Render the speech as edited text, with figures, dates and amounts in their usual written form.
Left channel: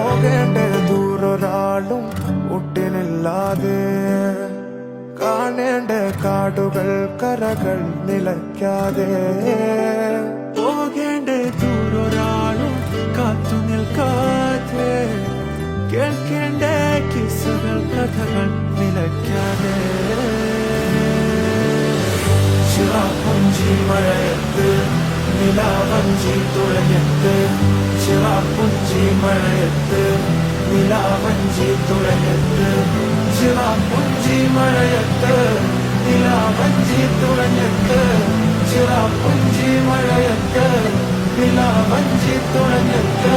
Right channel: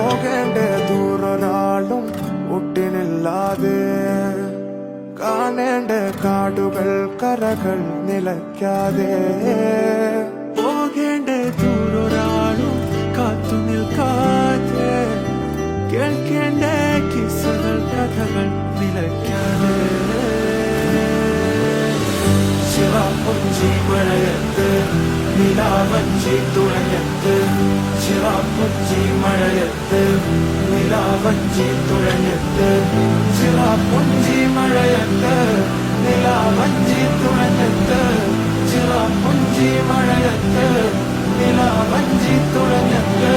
പോകേണ്ട ദൂരൊരാളും ഒട്ടിനില്ലാതെ കാണേണ്ട കാടുകൾ കരകൾ നിലയ്ക്കാതെ പോകേണ്ട ദൂരൊരാളും കാത്തു നിൽക്കാതെ കേൾക്കേണ്ട കിസ്സകൾ കഥകൾ നിലയ്ക്കാതെ ചിറാപ്പുഞ്ചി മഴയത്ത് നിലാവഞ്ചി തുഴഞ്ഞത്ത് ചിറാപ്പുഞ്ചി മഴയത്ത് നിലാവഞ്ചി തുഴഞ്ഞത്ത് ചിറാപ്പുഞ്ചി മഴയത്ത് നിലാവഞ്ചി തുഴഞ്ഞത്ത് ചിറാപ്പുഞ്ചി മഴയത്ത് നിലാവഞ്ചി തുഴഞ്ഞത്ത്